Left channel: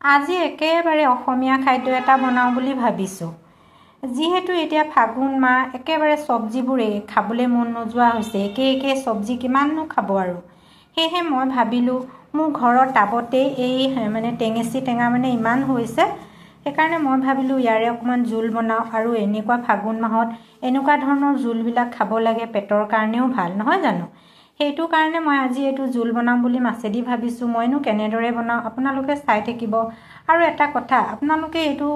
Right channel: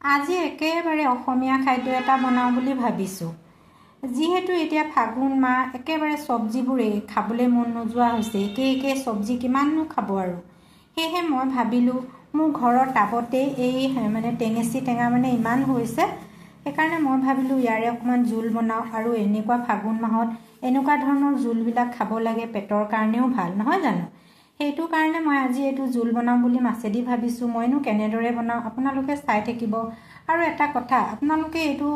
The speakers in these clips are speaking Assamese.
আজি একেবাৰে অসমীয়া খাদ্য এটা বনাওঁ বুলি ভাবিছোঁ। যিহেতু এতিয়া ফাগুন মাহ, একেবাৰে চব্জিবোৰে খাবলৈ মন নোযোৱা হৈছে। একে চব্জি কিমাননো খাব আৰু। সেয়েহে মই ভাবিলোঁ মোৰ ঘৰৰ টাবতে এই টেঙেচি টেঙা ইমান হৈছে, সেইকাৰণে মই ভাবিলোঁ ইয়াৰে অকণমান জোল বনাওঁ। আৰু এনেকুৱা ফাগুন মাহত এনেকুৱা ধৰণৰ জোলবিলাক খাব লাগে, পেটৰ কাৰণেও ভাল, নহয় জানো? সেইটো কাৰণে মই আজি এইটো জোল বনাম বুলি মাছেদি ভাবিছোঁ। মইনো কেনেদৰে বনাওঁ আপোনালোকে চাই থাকিব। আৰু এটা কথা, আপোনালোকে এইটো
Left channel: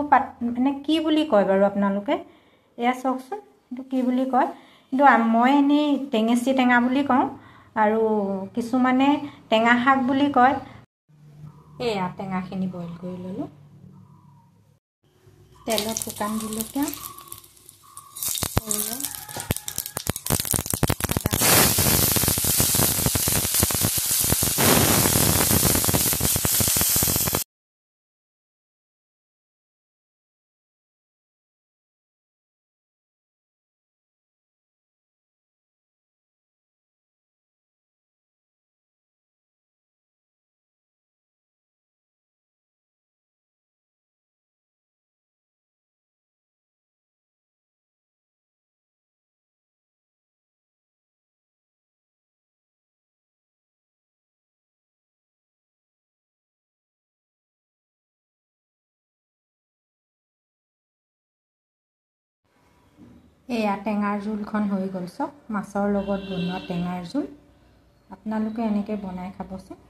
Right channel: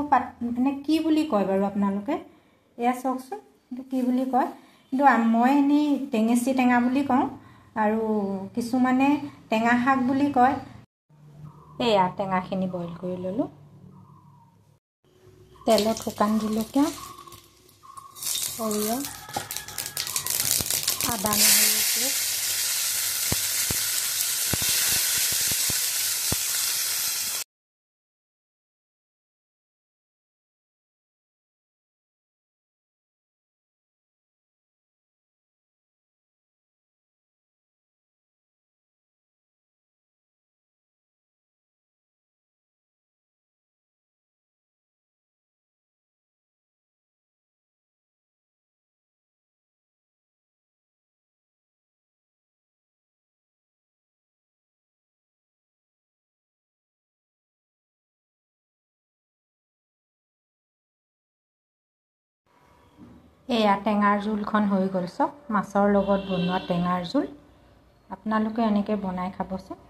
কি বুলি কয় বাৰু? আপোনালোকে এয়া চাওকচোন, এইটো কি বুলি কয়? কিন্তু মই এনেই টেঙেচি টেঙা বুলি কওঁ, আৰু কিছুমানে টেঙা শাক বুলি কয়। এয়া টেঙাখিনি বইল কৰি ল'লোঁ। তেলত শুকান জলকীয়া, সৰিয়হ, আদা, এয়া টেঙাৰ জোলখন হৈ গ'ল। চব মাছৰ লগত বনোৱা টেঙাৰ জোল। আপোনালোকে এনেকৈ বনাই খাবচোন।